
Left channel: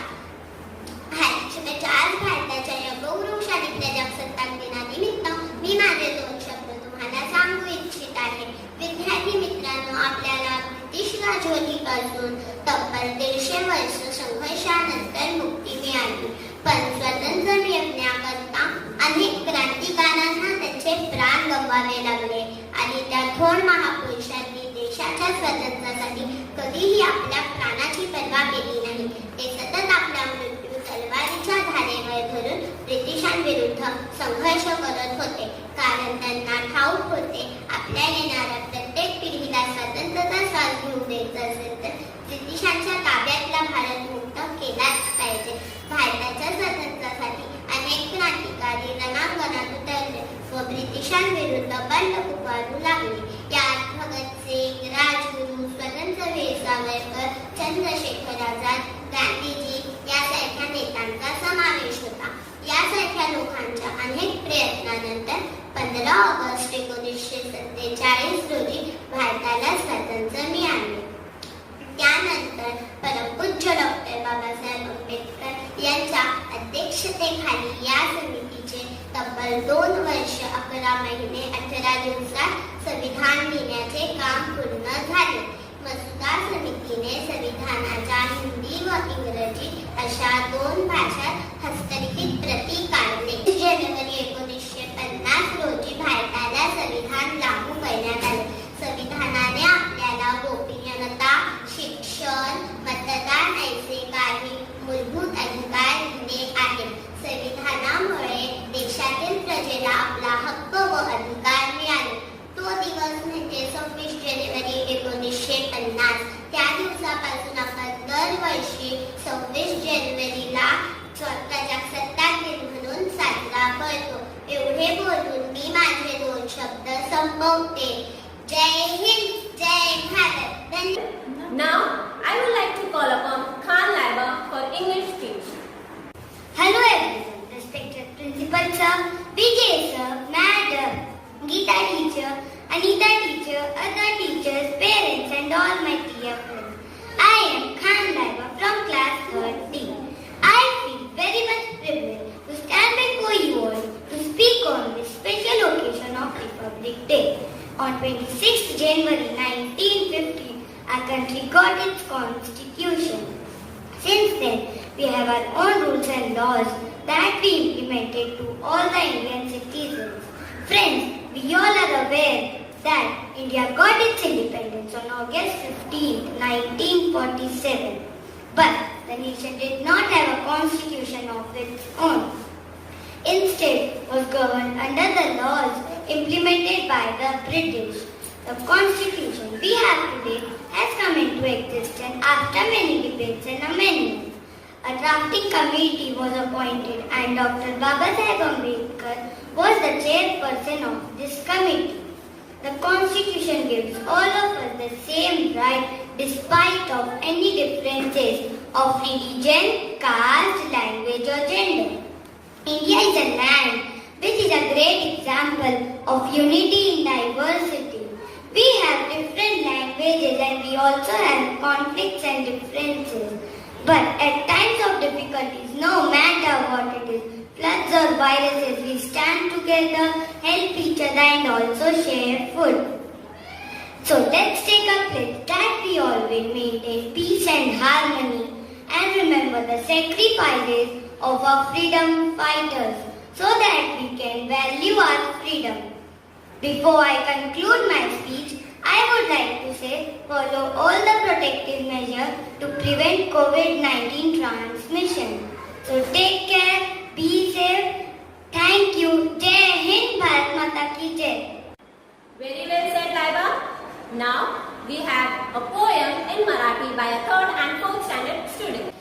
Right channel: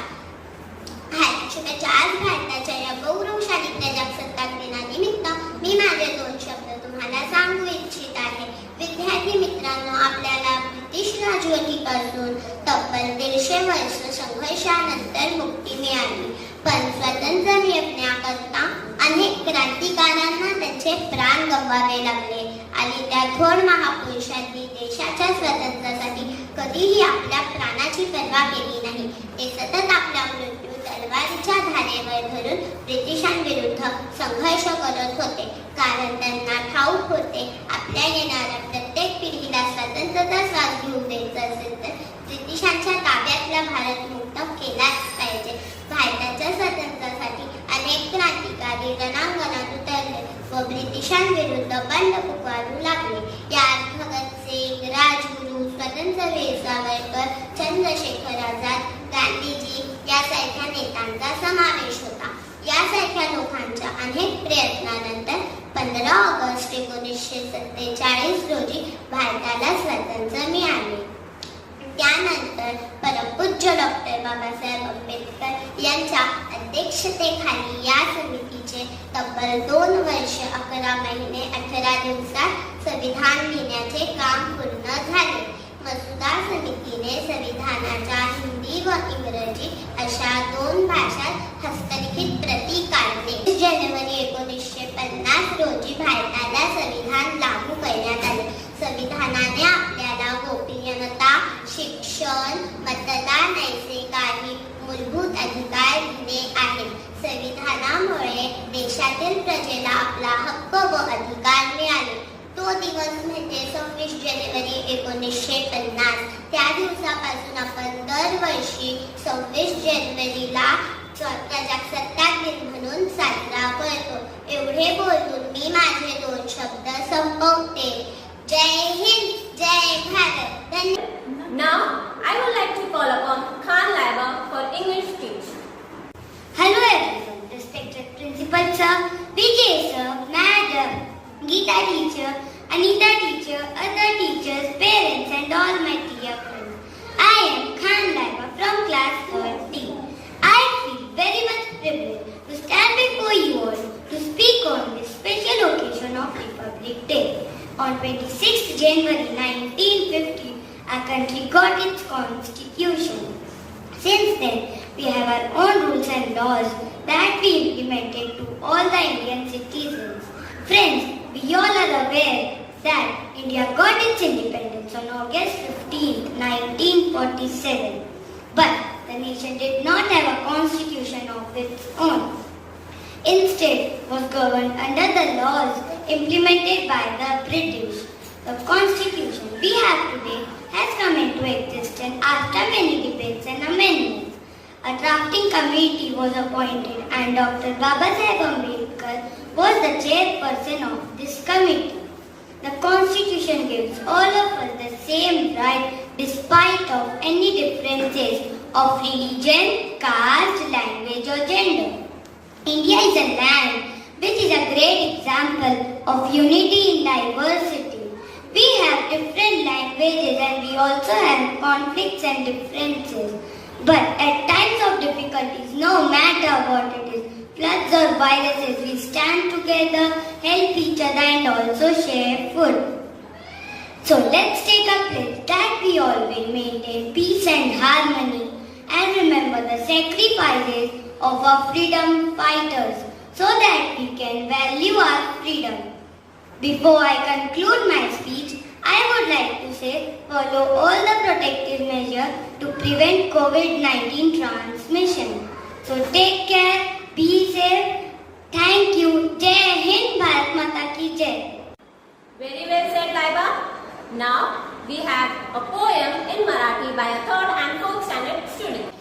आज भारताच्या या गौरवशाली प्रजासत्ताक दिनानिमित्त मी माझे 2 शब्द तुम्हाला सांगू इच्छित आहे. विद्यार्थी मित्रांनो, आपल्याला ब्रिटिश राजवटीपासून तब्बल 150 वर्ष संघर्षानंतर मुक्ती मिळाली. पण स्वतंत्र मिळवण्याकरता अनेक क्रांतिकारांना त्यांचे प्राण गमवावे लागले आणि त्या थोर महापुरुषांनी देशाच्या स्वातंत्र्यासाठी कधीही आपल्या प्राणाची पर्वा केली नाही. ते सतत आपला मृत्यू तलवारीच्या धारेवर धरून ब्रिटिशांविरुद्ध संघर्ष करत होते, कारण त्यांना ठाऊक होते आपल्या येणाऱ्या प्रत्येक पिढीला स्वातंत्र्याचा श्वास घेऊ द्यायचा असेल तर ब्रिटिशांच्या ताब्यातला भारत मुक्त केलाच पाहिजे. भारताच्या स्वातंत्र्यासाठी अनेक क्रांतिकारी रणांगणात उतरले व ब्रिटिशांविरुद्ध बंड पुकारू लागले. यात भगतसिंग, राजगुरू, स्वतंत्रवीर सावरकर, चंद्रशेखर आझाद, गांधीजी यासारख्या नेत्यांचा समावेश होता. यासारख्या लोकांच्या अनेक प्रयत्नानंतर 15 ऑगस्ट 1947 रोजी भारताला स्वातंत्र्य मिळाले. त्यानंतर परमपूज्य डॉक्टर बाबासाहेब आंबेडकर यांच्या अध्यक्षतेखाली या समितीचे तब्बल 2 वर्ष 11 महिने 18 दिवसात संविधान लिहिण्याचे काम पूर्ण झाले. मसुदा समितीने संविधानाच्या हिंदी व इंग्रजी अशा 2 भाषात हस्तलिखित प्रती काढले. जानेवारी 1950 रोजी भारताला संविधान लागू करण्यात आले. संविधानाने आपल्याला गोपनीयता, शिक्षण, मतदान असे काही मूलभूत अधिकार दिले आहेत. संविधानामुळे देशातील प्रजेला आपला हक्क व अधिकार मिळाले. तो दिवस म्हणजे 26 जानेवारी 1950. त्या दिवसापासून आपण दरवर्षी 26 जानेवारीला प्रजासत्ताक दिन म्हणून साजरा करतो. एवढे बोलून मी माझे 2 शब्द संपवते. जय हिंद, जय भारत. धन्यवाद. Now, I would like to call upon Khan Laiba for English speech. Hello everyone, respected principal sir, Vijay sir, madam, Geeta teacher, Anita teacher, other teachers, parents and all my dear friends. I am Khan Laiba from class 13. I feel very much privileged to stand before you all to speak on this special occasion of Republic Day. On 26th January 1950, our country got its constitution. Since then, we have our own rules and laws that we implemented to all the Indian citizens. Friends, we all are aware that India got its independence on August 15, 1947. But the nation did not have a constitution of its own. Instead, was governed under the laws implemented by the British. The constitution we have today has come into existence after many debates and amendments. A drafting committee was appointed and Dr. Babasaheb Ambedkar was the chairperson of this committee. The constitution gives all of us the same right despite of any differences of religion, caste, language or gender. India is a land which is a great example of unity in diversity. We have different languages and we also have conflicts and differences. But at times of difficulties, no matter what it is, floods or viruses, we stand together, help each other and also share food. So let's take a pledge that we all will maintain peace and harmony and remember the sacrifices of our freedom fighters so that we can value our freedom. Before I conclude my speech, I would like to say follow all the protective measures to prevent COVID-19 transmission. So take care, be safe. Thank you. Jai Hind, Bharat Mata ki Jai. Very well said, Laiba. Now, we have a poem in Marathi by a 3rd and 4th standard student.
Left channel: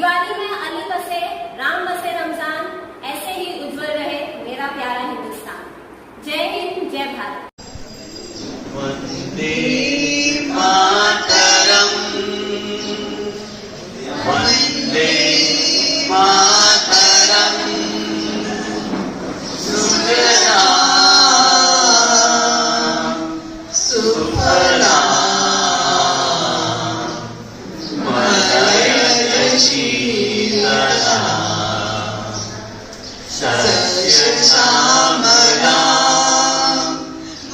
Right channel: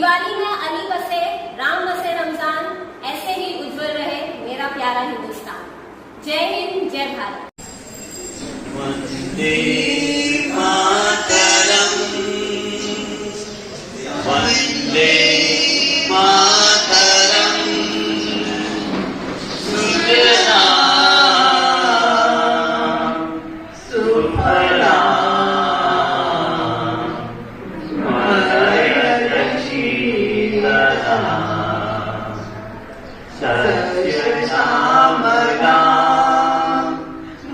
Diwali में अली बसे, राम बसे रमजान, ऐसे ही उज्जवल रहे मेरा प्यारा हिंदुस्तान। जय हिंद, जय भारत। वंदे मातरम, वंदे मातरम, सुजलाम सुफलाम मलयज शीतलाम सस्य श्यामलाम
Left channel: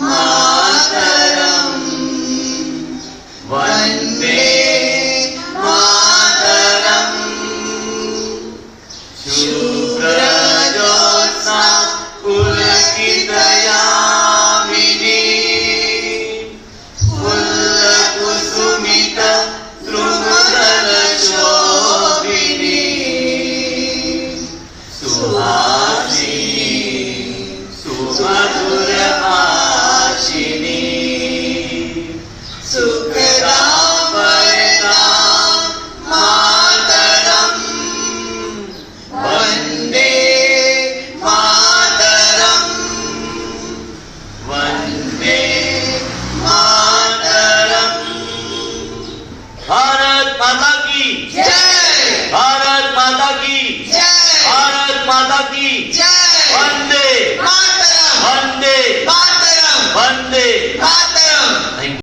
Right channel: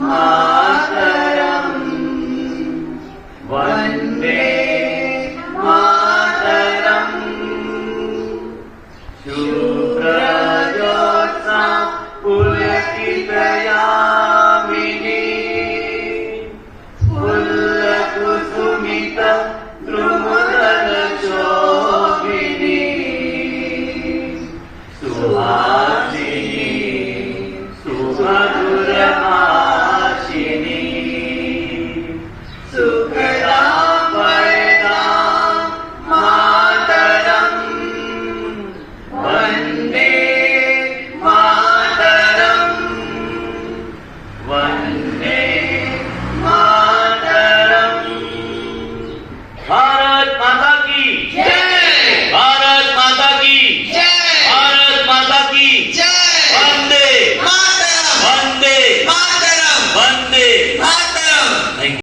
मातरम, वंदे मातरम, शुभ्रज्योत्स्ना पुलकितयामिनी, फुल्लकुसुमित द्रुमदलशोभिनी, सुहासिनी सुमधुरभाषिणी, सुखदां वरदां मातरम्, वन्दे मातरम्, वन्दे मातरम्। भारत माता की जय।